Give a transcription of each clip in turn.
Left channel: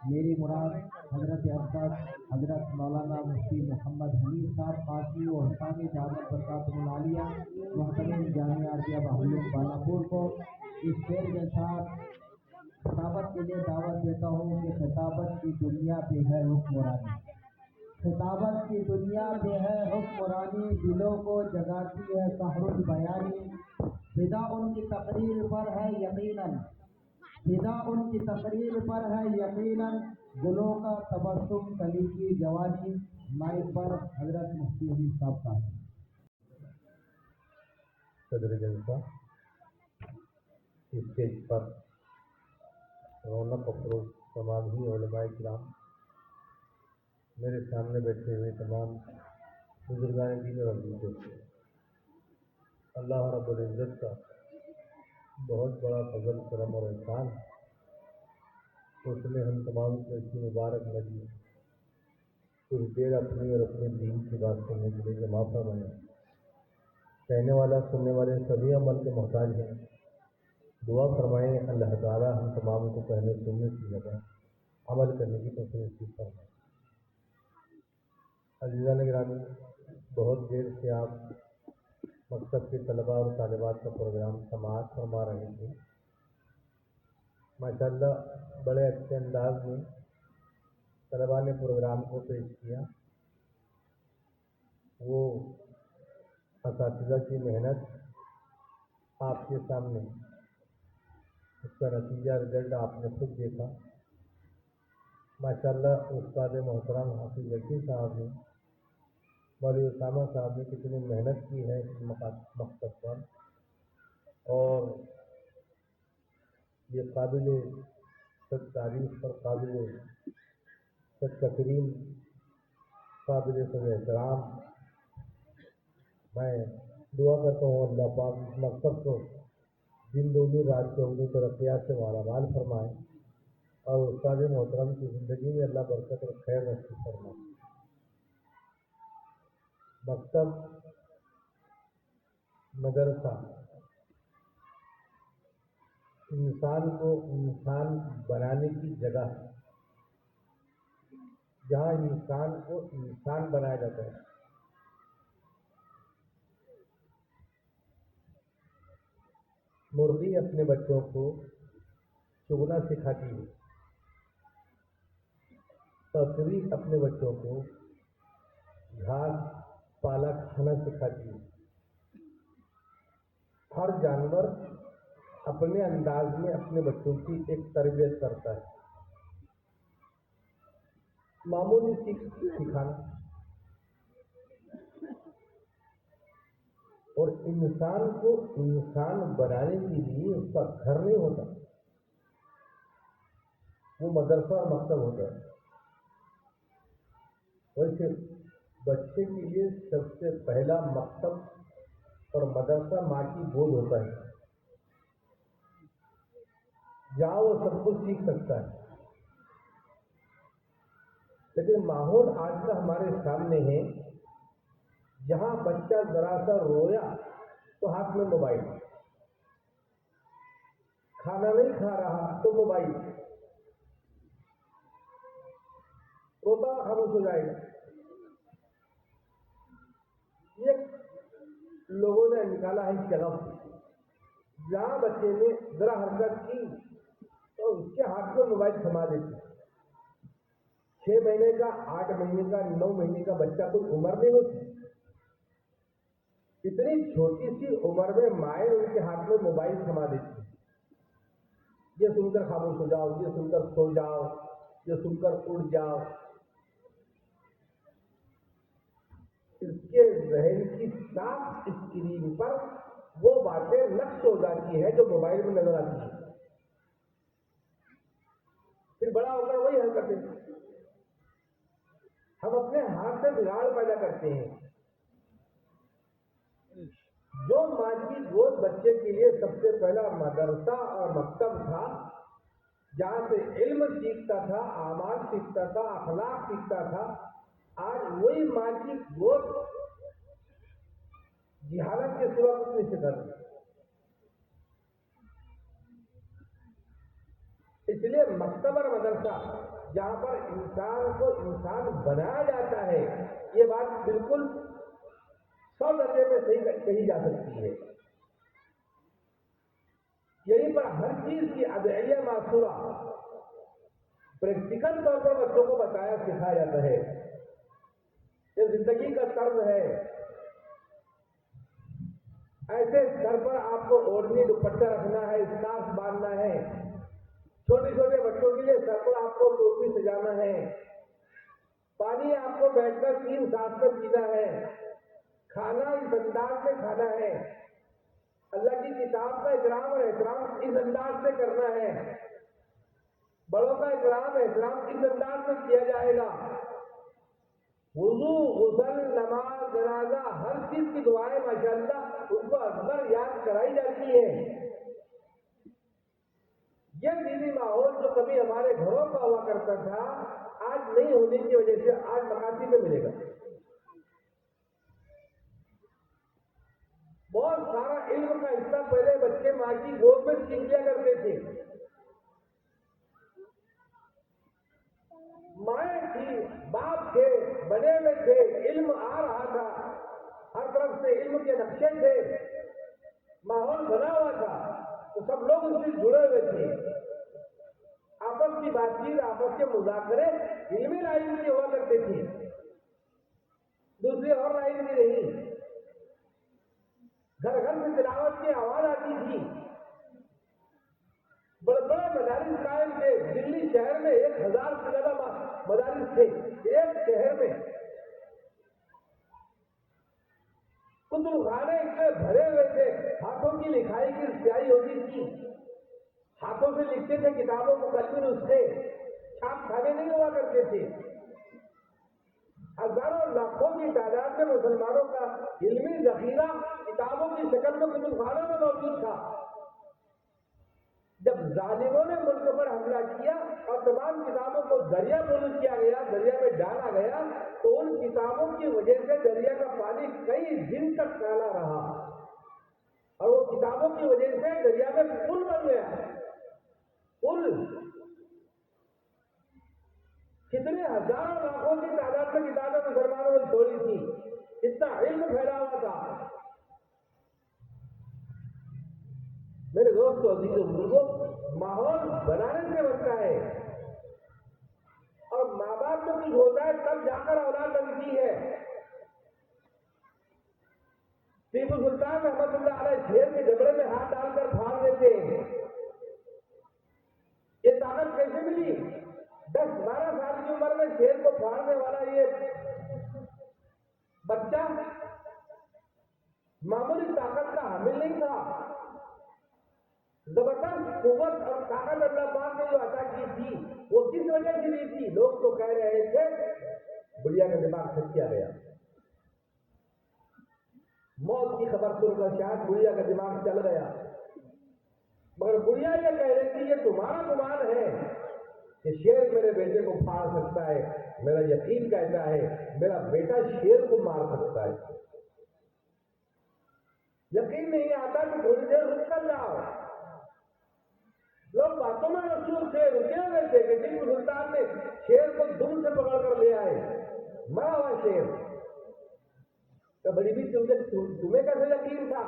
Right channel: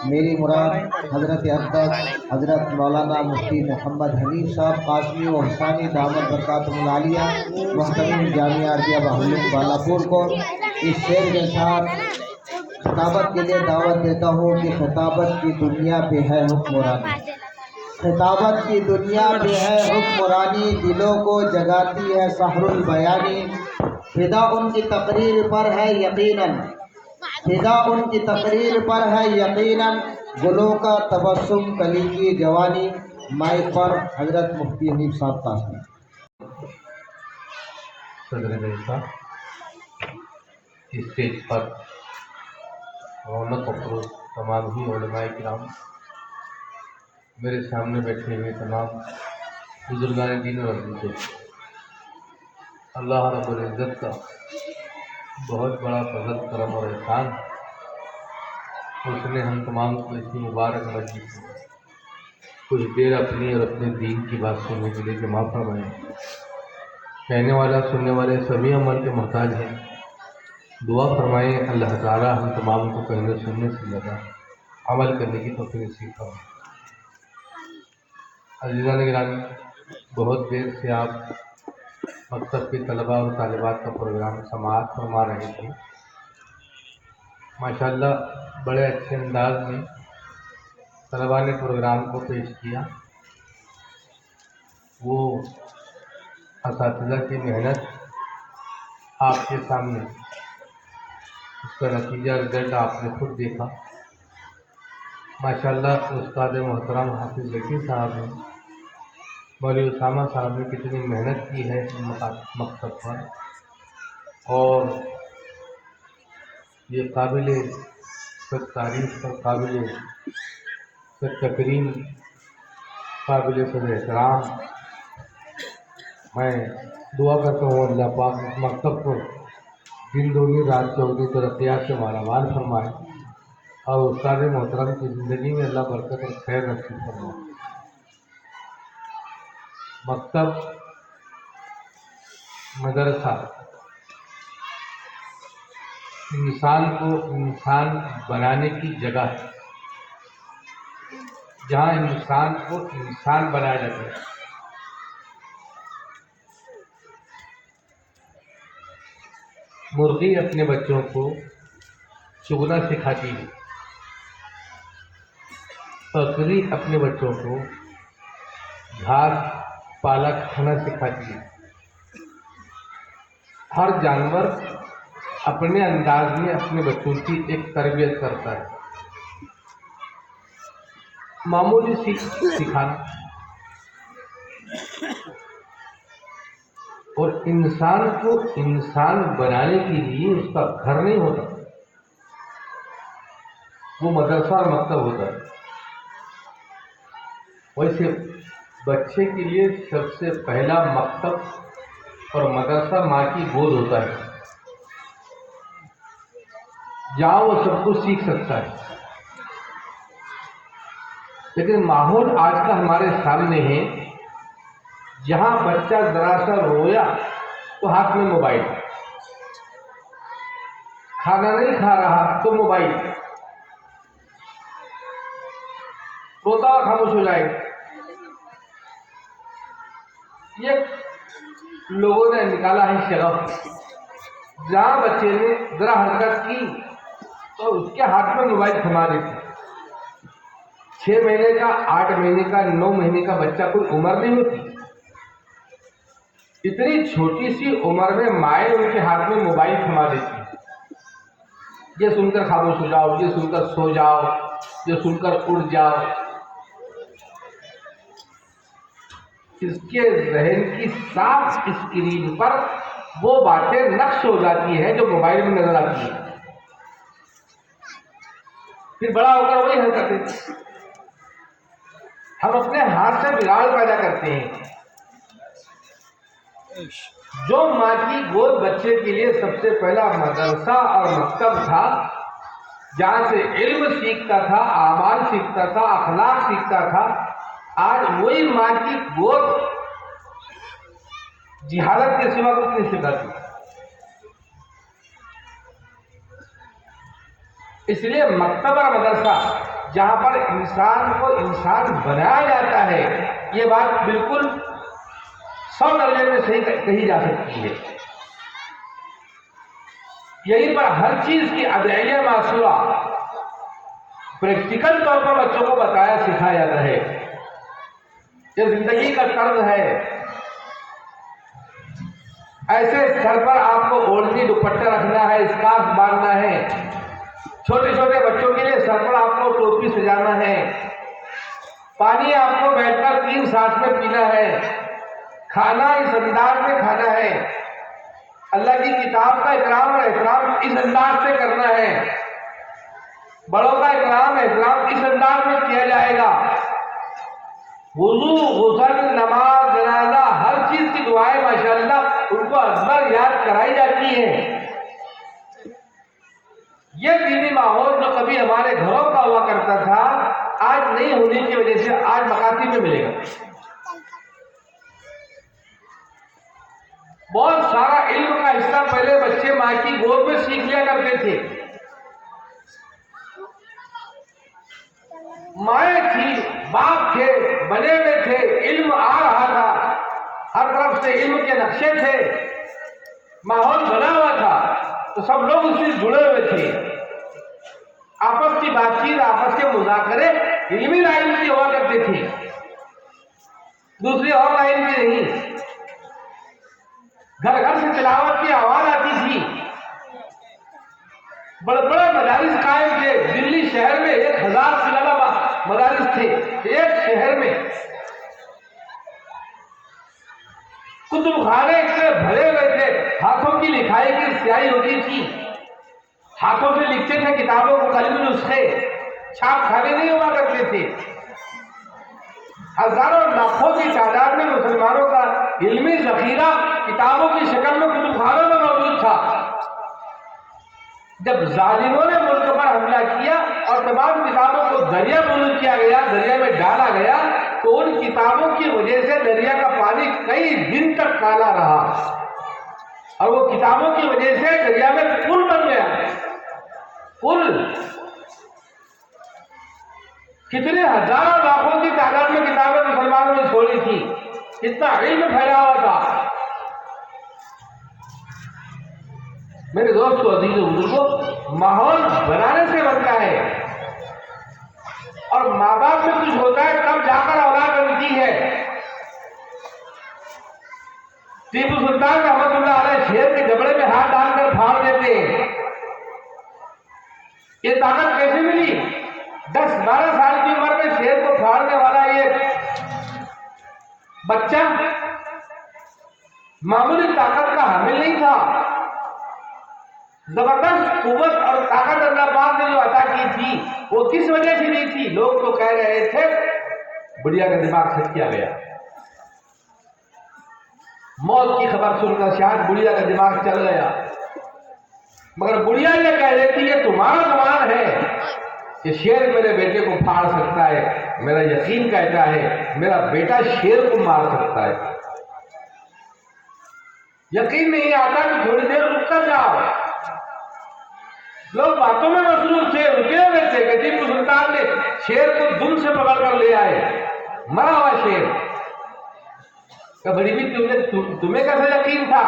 मेरी मुराद हज़रत अक़दस हज़रत मौलाना मुफ्ती मोहम्मद हनीफ साहब कासमी व हुसैनी दामद बरकातुहुल आलिया मुहतरम जामिया अरबिया बहाउद्दीन बालाकोट को इस शेर के साथ खिताबत के लिए दावत देता हूँ कि खिताबत की दुनिया पे है हुक्मरानी, खिताबत की दुनिया पे है हुक्मरानी, दिलों को जगाती है सहरुल बयानी, फिदा उनकी तकरीर पर है यकीनन, फिदा उनकी तकरीर पर है यकीनन, गुलों का तबस्सुम कली की जवानी। माइक पर हजरत मुफ्ती हनीफ साहब कासमी। सदर जलसा स्टेज पर रौनक अफरोज तमाम ही उलमाए किराम, मेरे सामने बैठे हुए तमाम बुजुर्गान दीन और अज़ीज़, अल्लाह रब्बुल इज़्ज़त का बहुत बड़ा फज़ल करम और एहसान, उसने हम तमाम को इतनी मुबारक मस्जिद में कुछ देर अपनी और अपने दीन की बात सुनने के लिए जमा फरमाए। कहने वाला सुनने वाले सभी अमल के मोहताज हैं। दुआ फरमाएँ अल्लाह ताला हम तमाम को कहने सुनने से ज़्यादा अमल करने की तौफ़ीक़ नसीब फरमाए। अज़ीज़ान गिरामी, बहुत देर से आप मकतब के तलबा और तालिबात का प्रोग्राम समाअत फरमा रहे थे। माशाअल्लाह बड़े अच्छे अंदाज में तलबा ने प्रोग्राम को पेश किया। वो असातिज़ा की मेहनत आपके सामने, उसका नतीजा रिज़ल्ट आपने खुद देखा। माशाअल्लाह उस्ताद मोहतरम हाफिज़ ज़की साहब ने, मौलवी उसामा साहब ने कितनी मेहनत की है इस मकसद पर, और ये काबिल तारीफ़ और काबिल तकरीम, काबिल एहतराम। मैं दुआ करता हूँ अल्लाह पाक इस मकसद को दिन दूनी रात चौगनी तरक्यात से मालामाल फरमाए और उस्ताद मोहतरम की ज़िंदगी में अल्लाह बरकत और खैर नसीब फरमाए। मकतब, मदरसा इंसान को इंसान बनाने की जगह है, जहाँ इंसान को इंसान बनाया जाता है। मुर्गी अपने बच्चों को चुगना सिखाती है, बकरी अपने बच्चों को घास पालक खाना सिखाती है। हर जानवर अपने अंदाज में अपने बच्चों की एक तरबियत करता है। मामूली सिखाना, और इंसान को इंसान बनाने के लिए उसका घर नहीं होता, वो मदरसा और मकतब होता है। वैसे बच्चे के लिए सबसे पहला मकतब और मदरसा माँ की गोद होता है, जहाँ वो सब कुछ सीख सकता है। लेकिन माहौल आज का हमारे सामने है, जहाँ बच्चा जरा सा रोया तो हाथ में मोबाइल, खाना नहीं खा रहा तो मोबाइल, रोता खामोश हो जाए। ये लोगों ने निकाला है शगफ, जहाँ बच्चे ने जरा हरकत की तो उसके हाथ में मोबाइल थमा देते। 6 महीने का, 8 महीने का, 9 महीने का बच्चा कोई उम्र नहीं होती। इतनी छोटी सी उम्र में माए उनके हाथ में मोबाइल थमा देती है। ये सुनकर खामोश हो जाओ, ये सुनकर सो जाओ, ये सुनकर उड़ जाओ। इसके जहन की साफ स्क्रीन पर वो बातें नक्श हो जाती है जो मोबाइल में नजर आती है। फिर बड़ा होकर वही हरकतें हम अपने हाथ से बिगाड़ पैदा करते हैं। जो माँ की गोद बच्चे के लिए सबसे पहला मदरसा और मकतब था, जहाँ से इल्म सीखता था, आमाल सीखता था, अखलाक सीखता था, आज वही माँ की गोद जिहालत के सिवा कुछ नहीं सिखाती। इसलिए मकतब और मदरसा जहाँ पर इंसान को इंसान बनाया जाता है, ये बात बिल्कुल 100 दर्जे में सही कही जा सकती है। यहीं पर हर चीज की अदइया मासूरा प्रैक्टिकल तौर पर बच्चों को बताया सिखाया जाता है। ये जिंदगी का तर्ज है। ऐसे सर पर आपको ओढ़नी दुपट्टा रखना है, स्कार्फ बांधना है। छोटे छोटे बच्चों के लिए सर पर आपको टोपी सजाना है। पानी आपको बैठकर 3 सांस में पीना है। खाना इस अंदाज में खाना है। अल्लाह की किताब का इकराम और एहतराम इस अंदाज से करना है। बड़ों का इकराम एहतराम इस अंदाज में किया जाएगा। वुजू, गुस्ल, नमाज, जनाजा, हर चीज की दुआएं माशाअल्लाह उनको अकबर याद कराई जाती है। ये दीनी माहौल जो कभी हमारे घरों का हुआ करता था, आज नहीं होने की वजह से आज मकाती में मिलेगा। बहुत सारा इल्म का हिस्सा पहले बच्चे माँ की गोद में सीख लिया करते थे। माएँ थी, बाप थे, बने हुए थे, इल्म आ रहा था, हर तरफ से इल्म के नक्शे थे, माहौल बना हुआ था, तो सब लोग उससे जुड़े हुए थे। आपस की बातचीत, आपस के मुज़ाकरे इल्मी लाइन की हुआ करते थे, दूसरी और लाइन की नहीं। घर घर से तिलावत की आवाज आती थी। बड़े बड़े मदारिस कायम थे। दिल्ली शहर में 1000 से ज्यादा मदारिस थे एक शहर में। कुतुबखाने इतने भरे हुए थे, हाथों की लिखाई की स्याही होती थी, हाथों से लिखते थे किताबों को, कलमी नुस्खे, छाप खाने नहीं हुआ करते थे। हजारों लाखों की तादाद में मुसलमानों का इल्मी जखीरा किताबों की शक्ल में कुतुबखानों में मौजूद था। जब जालिमों ने मुल्क पर हमला किया और तमाम किताबों को दरिया बुलंद किया गया, दरिया में डाला गया, तो उन किताबों की वजह से दरिया का पानी कई दिन तक काला रहा और वो किताबों की वजह से दरिया में पुल बन गया। पुल कितने हजारों लाखों की तादाद में किताबें मुसलमानों ने छोड़ी थी, इतना इल्म फैला हुआ था। मेरे दोस्तों, अजीज बुजुर्गों, माहौल बनाने से बनता है और माँ बाप में कुछ होता है तब जाकर औलाद बनती है। टीपू सुल्तान रहमतुल्लाह अलैह शेर के जबड़े में हाथ डालकर फाड़ देते हैं। ये ताकत कैसे मिली? 10-12 साल की उम्र में शेर को फाड़ने वाला ये बच्चा मामूली ताकत का हामिल नहीं था। जबरदस्त कुव्वत और ताकत अल्लाह पाक ने जो अता की थी, वो किस वजह से नहीं थी? लोग तो कह रहे थे बुढ़िया का दिमाग सेट किया गया। मौत की खबर सुनकर शायद बुढ़िया का दिमाग चल गया, मगर बुढ़िया ये कह रही थी ये तुम्हारा गुमान है कि शेर मेरे बेटे को फाड़ सकता है। मेरा यकीन कहता है मेरा बेटा शेर को मार सकता है। यकीन नहीं आता कि थोड़ी देर रुक कर जाओ। लोग बातों में मसरूफ थे, रुके हुए थे कि टीपू सुल्तान ने शेर को दुम से पकड़ कर ले आए, मरा हुआ शेर। कभी भी तुम्हें कैसा यकीन था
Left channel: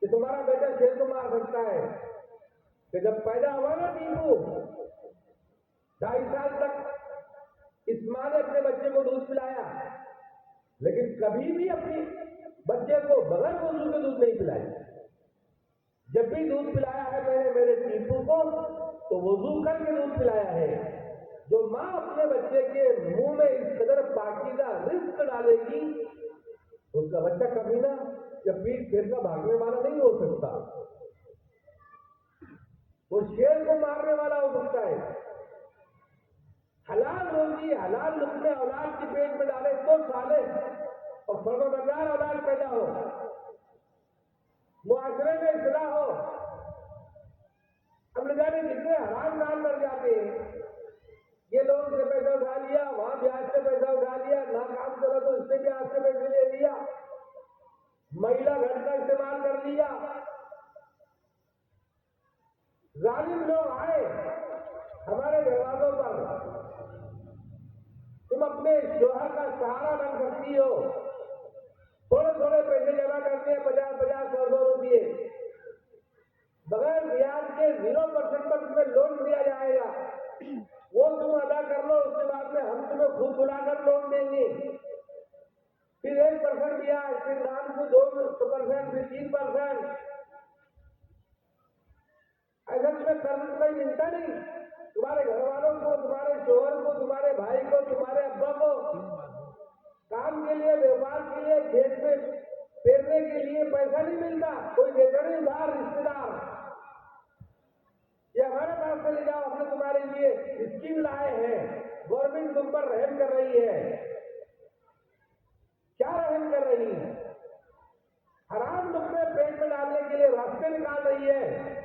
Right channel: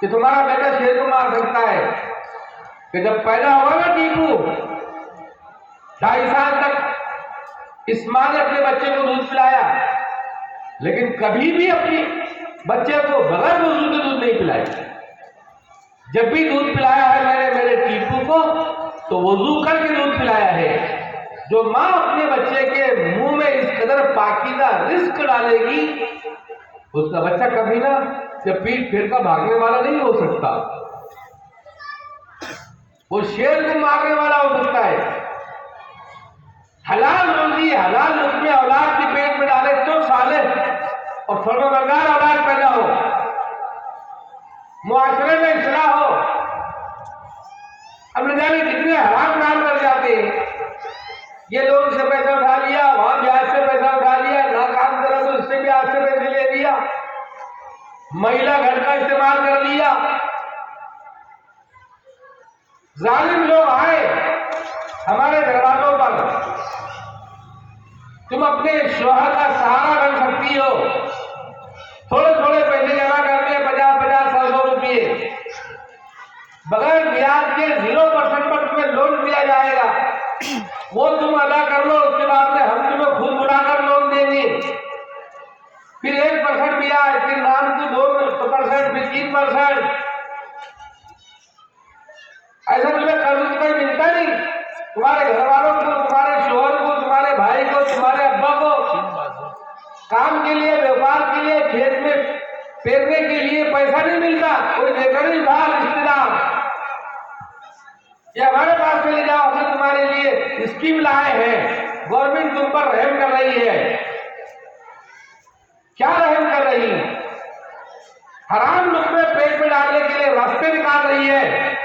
कि तुम्हारा बेटा शेर को मार सकता है? कि जब पैदा हुआ ना टीपू, 2.5 साल तक इस मां ने अपने बच्चे को दूध पिलाया, लेकिन कभी भी अपनी बच्चे को बगैर वजू के दूध नहीं पिलाई। जब भी दूध पिलाया है मैंने मेरे टीपू को, तो वजू करके दूध पिलाया है। जो माँ अपने बच्चे के मुंह में इस कदर पाकीज़ा रिस्क डालेगी, उसका बच्चा कभी ना जब पीठ फेर का भागने वाला नहीं हो सकता, वो शेर को मारने वाला हो सकता है। हलाल रोजी, हलाल लुक़्मे औलाद के पेट में डाले तो सालेह और फर्माबरदार औलाद पैदा हो, मुआशरे में इस्लाह हो। अब न जाने कितने हराम काम कर जाते हैं। ये लोग से पैसा उठा लिया, वहां ब्याज से पैसा उठा लिया, ना काम करा तो इससे ब्याज से पैसे ले लिया, महिला घर का इस्तेमाल कर लिया। जालिम लोग आए हमारे दरवाजों पर, तुम अपने शौहर का सहारा बन सकती हो। थोड़े थोड़े पैसे जमा करके 50-50, 100 रुपये बगैर ब्याज के 0% पर तुम्हें लोन दिया जाएगा। वो तुम अदा कर लो, उसके बाद में हम तुम्हें खुद बुलाकर लोन देंगे। फिर 1% ब्याज, फिर नाम की 2%, फिर 3%। ऐसा तुम्हें कर्ज कोई मिलता नहीं। तुम्हारे घर वालों को, तुम्हारे शोहर को, तुम्हारे भाई को, तुम्हारे अब्बा को काम के लिए, व्यापार के लिए, खेत में पेरने के लिए पैसा नहीं मिलता। कोई देकर नहीं था रिश्तेदार, या हमारे पास चले जाओ, हमने तुम्हारे लिए स्कीम लाए हैं, गवर्नमेंट तुम पर रहम कर रही है। क्या रहम कर रही है? हराम लुक़्मे पेट में डालने के लिए रास्ते निकाल रही है।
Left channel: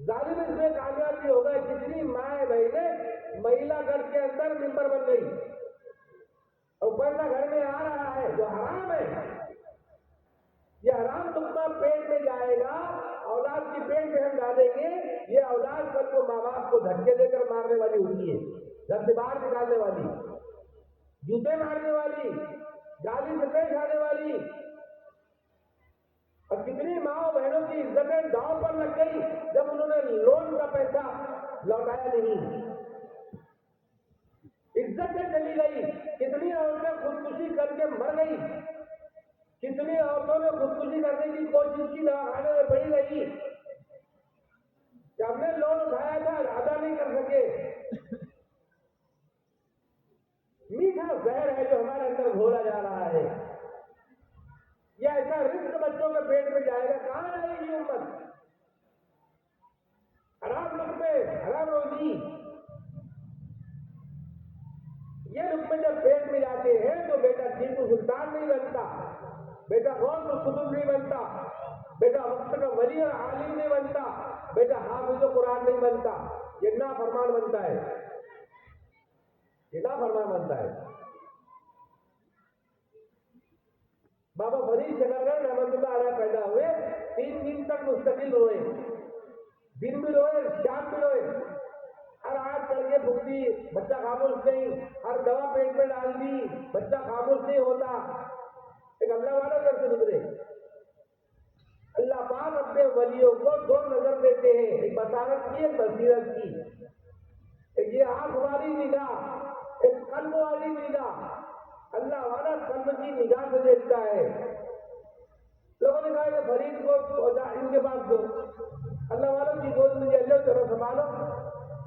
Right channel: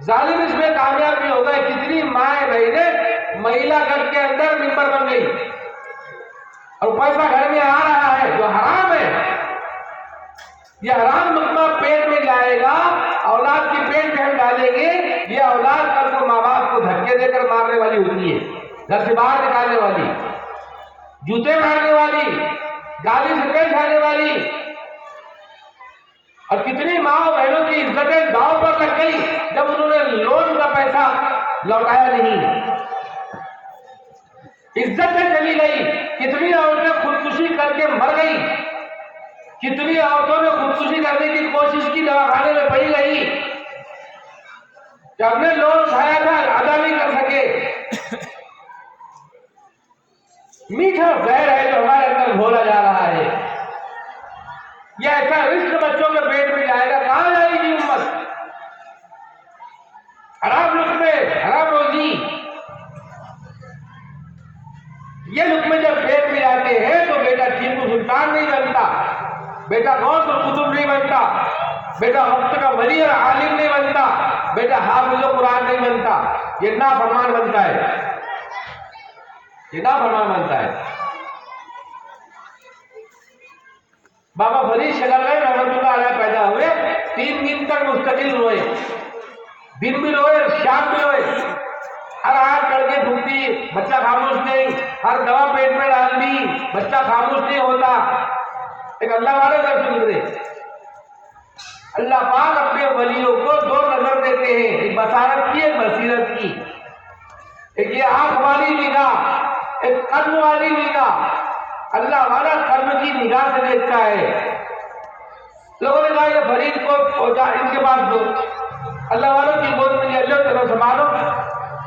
जालिम इसमें कामयाब भी हो गए। कितनी माए बहने महिला घर के अंदर मिंबर बन गई और पैसा घर में आ रहा है जो हराम है। यह हराम लुक़्मा पेट में जाएगा, औलाद की पेट में हम डालेंगे। ये औलाद कल को माँ बाप को धक्के देकर मारने वाली होती है, घर से बाहर निकालने वाली, जूते मारने वाली, गाली से पेट खाने वाली। और कितनी माँ बहनों की इज्जतें दांव पर लग गई जब उन्होंने लोन का पैसा लौटाया नहीं, इज्जतें चली गई। कितनी औरतें खुदकुशी करके मर गई, कितनी औरतों ने खुदकुशी करने की कोशिश की, दवाखाने में पड़ी रही कि हमने लोन उठाया था, अदा नहीं कर सके। मीठा जहर है जो हमारे अंदर घोला जा रहा है। यह ऐसा रिस्क बच्चों के पेट में जाएगा, कहां जाएगी उम्मत? हराम लुक़्मे, हराम रोजी। ये लुक़्मे जब पेट में जाते हैं तो बेटा टीपू सुल्तान नहीं बनता, बेटा गौस और कुतुब नहीं बनता, बेटा वक्त का वली और आलिम नहीं बनता, बेटा हाफिज़ कुरान नहीं बनता। ये नाफरमान बनता है, ये नाफरमान बनता है। बाबा फरीद शगरगढ़ रहमतुल्लाह अलैह पैदा हुए, 3 दिन तक मुस्तकिल रोए, दिन भी रोए, शाम भी रोए। हर आयत करके फूकती, बच्चा खामोश नहीं। हर दवा पेट में डाल दी, बच्चा खामोश नहीं होता। एक अल्लाह वाले घर से गुजरे। अल्लाह पाक अपने वलियों को 2 नजर देते हैं, एक बसारत की, एक बसीरत की। एक ये आंख वाली निगाह, एक कल्ब वाली निगाह। अल्लाह वाला कल्ब की निगाह से देखता है। लोगों ने कहा ये फरीद को इनके पास दो, अल्लाह वालों की गोद में ले लो, चलो संभालो।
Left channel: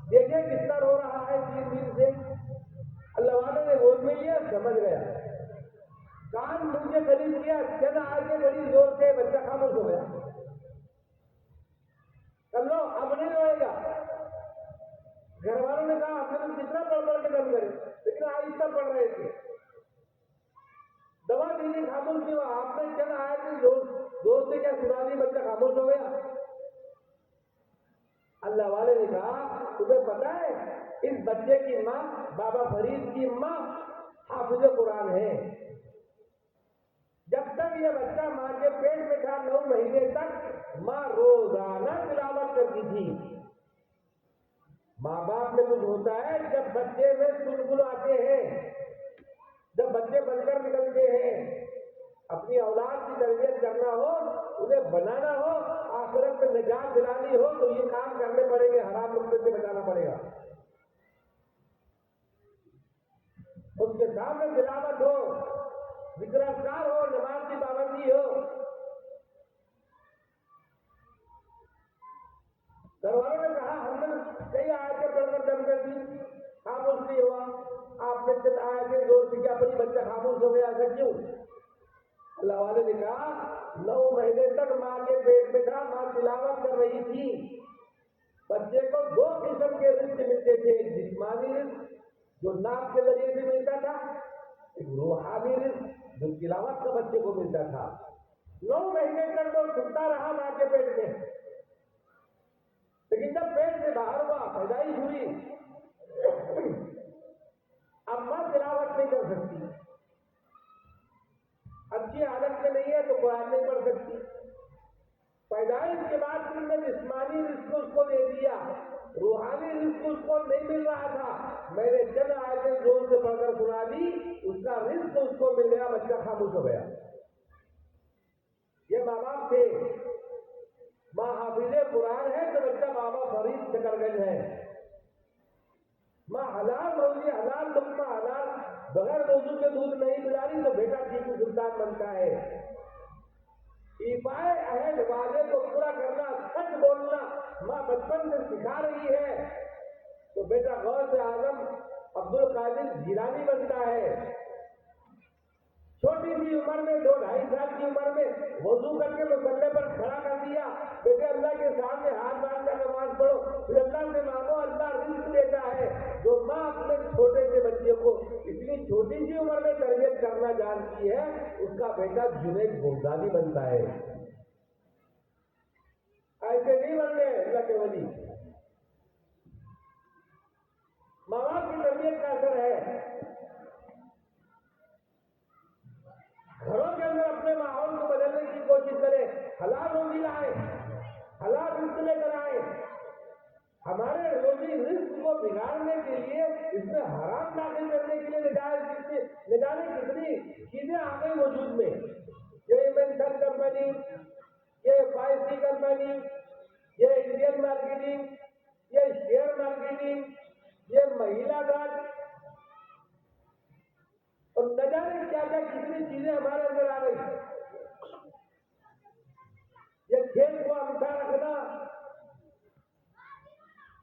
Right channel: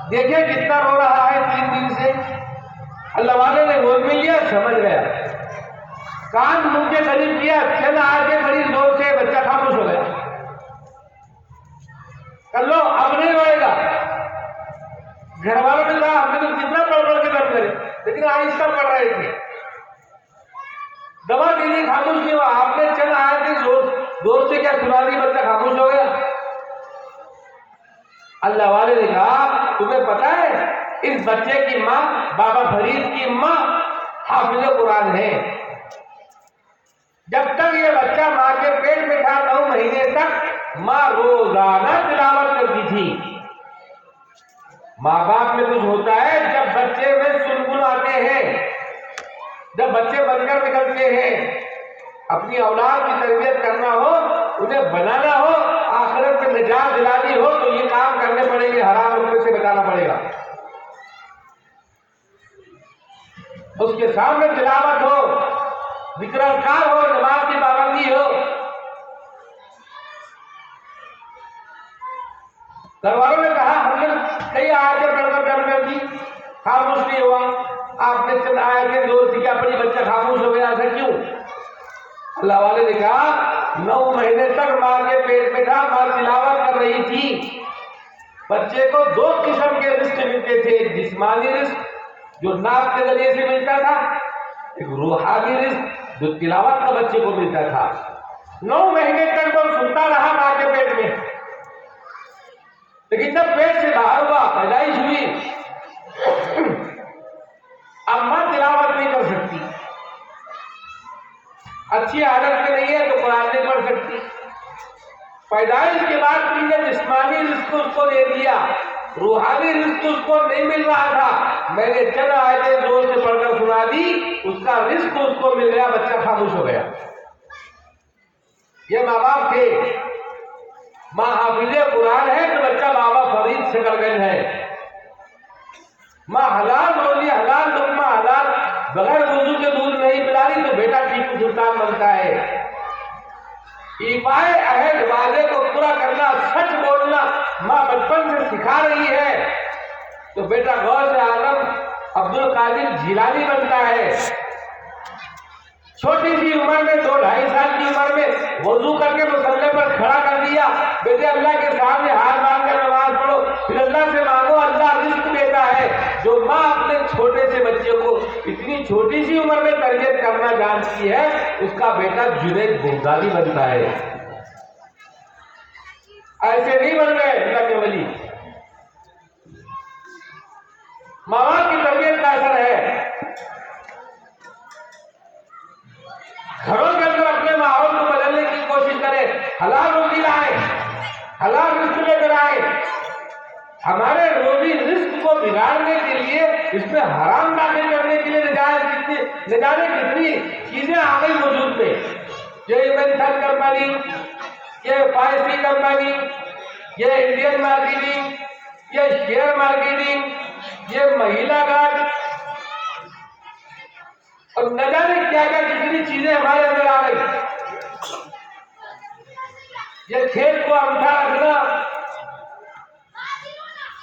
देखिए कितना रो रहा है 3 दिन से। अल्लाह वाले ने गोद में लिया, समझ गया, कान मुंह के करीब किया, चल आके करीब जोर से, बच्चा खामोश हो गया। कर लो, अब नहीं रोएगा। घर वालों ने कहा हमने तो कितना पढ़ के दर्द करे, लेकिन आहिस्ता पढ़ रहे थे, दवा दीदी खामोश नहीं हुआ। आपने चल आए थे जोर से क्या सुना दी, बच्चा खामोश हो गया। अल्लाह वाले ने कहा तुम्हें पता है इस बच्चे की माँ, बाबा फरीद की माँ हाफिज़ कुरान है। जब तक ये बच्चा माँ के पेट में था 9 महीने तक माँ रोजाना तिलावत करती थी। माँ बाप में कुछ होता है जब बच्चे में सुनगुन आते हैं, जब बच्चे बनकर निकलते हैं। अपनी औलाद की तरबियत करना हो, उन्हें बनाना हो, आखिरत में निजात दिलानी हो, तो ये काम करने पड़ेंगे, हराम रुपये से बचाना पड़ेगा। उसके सामने तिलावत हो, जिक्र अज़कार हो, नमाज की पाबंदी हो। घर वालों ने कहा हमने कई आयतें पढ़कर डर कर दी, खामोश नहीं हुआ। आपने चंद आयतें जोर से क्या पढ़ी, बच्चा खामोश हो गया, ऐसा क्यों? अल्लाह वाले ने कहा 9 महीने तक माँ के पेट में था, माँ तिलावत कर रही थी। बच्चे को 2 किस्म के रिस्क मिलते थे, एक जिस्मानी रिस्क जो नाक के जरिए से मिलता था, एक रूहानी रिस्क जो तिलावत का बच्चे को मिलता था। 9 महीने तक वो सुनता रहा माँ के पेट में, लेकिन जब पेट से बाहर हुआ, पैदाइश हुई, अब माँ तिलावत नहीं कर सकती, अच्छी आदत में नहीं है तो कुरान नहीं पढ़ सकती। पैदाइश के बाद तुमने जिस्मानी रिस्क उसको दे दिया, रूहानी रिस्क उसको नहीं मिल रहा था, मैंने चंद आयतें जोर से पढ़कर सुना दी, उसका रिस्क उसको मिल गया, बच्चा खामोश हो गया। ये माँ बाप थे। माँ हाफिजे कुरान है तो बच्चा बाबा फरीद शकरगंज है। माँ हलाल रोजी, हलाल लुकमा, हलाल बगैर वजू के दूध नहीं पिला रही तो बेटा टीपू सुल्तान बनता है। इफाए अहद वादे को पूरा करना, सच बोलना माँ बचपन से सिखा रही है तो बेटा गौस आलम अब्दुल कादिर जिलानी बनता है। छोटी सी उम्र में 2-2.5 साल की उम्र में वजू करके मुसल्ले पर खड़ा कर दिया, बेटे अल्लाह के सामने हाथ बांध कर नमाज पढ़ो, फिर अल्लाह से मांगो, अल्लाह रिस्क देता है। जो माँ अपने छोटे से बच्चे को इतनी छोटी सी उम्र में तरबियत करना जानती है, उसका बेटा जुनैद बगदादी बनता है। ऐसे नहीं बन गए अल्लाह के वली। माँ बाप की तरबियत का असर है। घरों के अंदर अपने माहौल को बदलने की कोशिश करें, हलाल रोजी लाए, हलाल रिस्क लेकर आए। हमारे रोजी रिस्क को बिगाड़ने के लिए, इसमें हराम दाखिल करने के लिए न जाने कितनी चीजें आ गई वजूद में। ये इन्वेंशन कंपनी, ये फाइसी कंपनी, ये इंडियन मार्केटिंग, ये शेयर मार्केटिंग, ये महिला गार्ड और न जाने क्या क्या कितनी चीजें हमारे अंदर आ गई। ये खेत को अंगूठा रखना,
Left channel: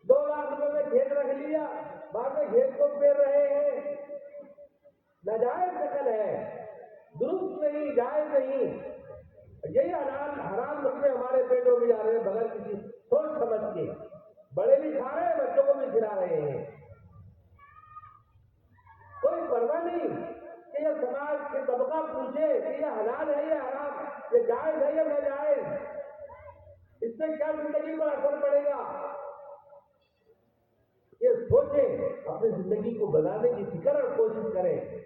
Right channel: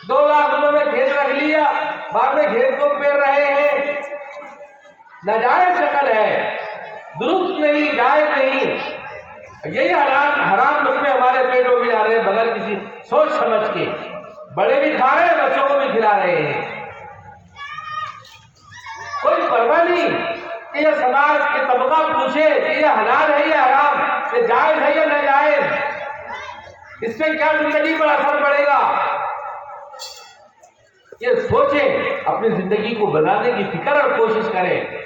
2 लाख रुपए में खेत रख लिया, बाद में खेत को पेर रहे हैं। नाजायज शक्ल है, दुरुस्त नहीं, जायज नहीं। यही हराम लुकमे हमारे पेटों में आ रहे हैं बगैर किसी सोच समझ के। बड़े भी खा रहे हैं, बच्चों को भी खिला रहे हैं। कोई परवाह नहीं कि यह समाज के तबका पूछे कि यह हलाल है या हराम, ये जायज है या नाजायज, इससे क्या जिंदगी पर असर पड़ेगा। ये सोचें, अपनी जिंदगी को बनाने की फिक्र और कोशिश करें।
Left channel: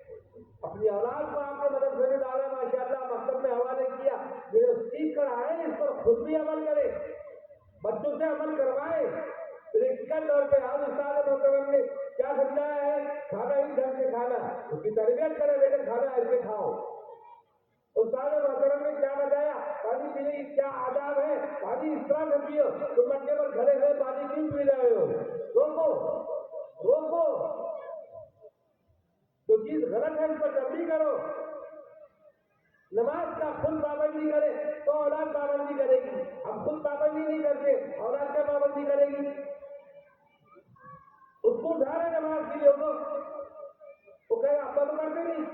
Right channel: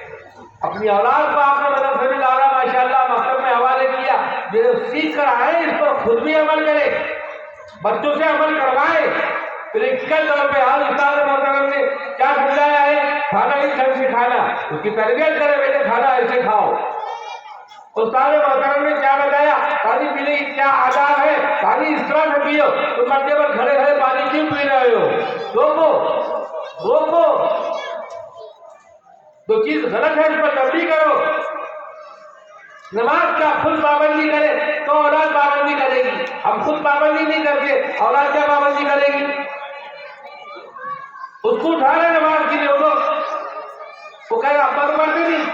अपनी औलाद को आपने मदरसे में डाला, माशाअल्लाह, मकतब में हवाले किया, जो सीख कर आए इस पर खुद भी अमल करें, बच्चों से अमल करवाए। प्रैक्टिकल तौर पे आज उस्ताद मोहतरम ने क्या समझाया है, खाना इस ढंग से खाना, उसकी तरबियत करें, बेटे खाना ऐसे खाओ। उस्ताद मोहतरम ने क्या बताया, पानी पीने की क्या आदाब है, पानी इस तरह से पियो, तुम मट्टे पर खड़े खड़े पानी क्यों पी रहे हो, रोको रोको, जो चीज गलत है उस पर तब्दील करो। नमाज का खुद पाबंदी करे तो औलाद पाबंदी करेगी। हम खुद पाबंदी नहीं करते, औलाद क्या पाबंदी करेगी। उसको उठा रहे नमाज के लिए, वो कहेगा अब्बा तो पढ़ते नहीं,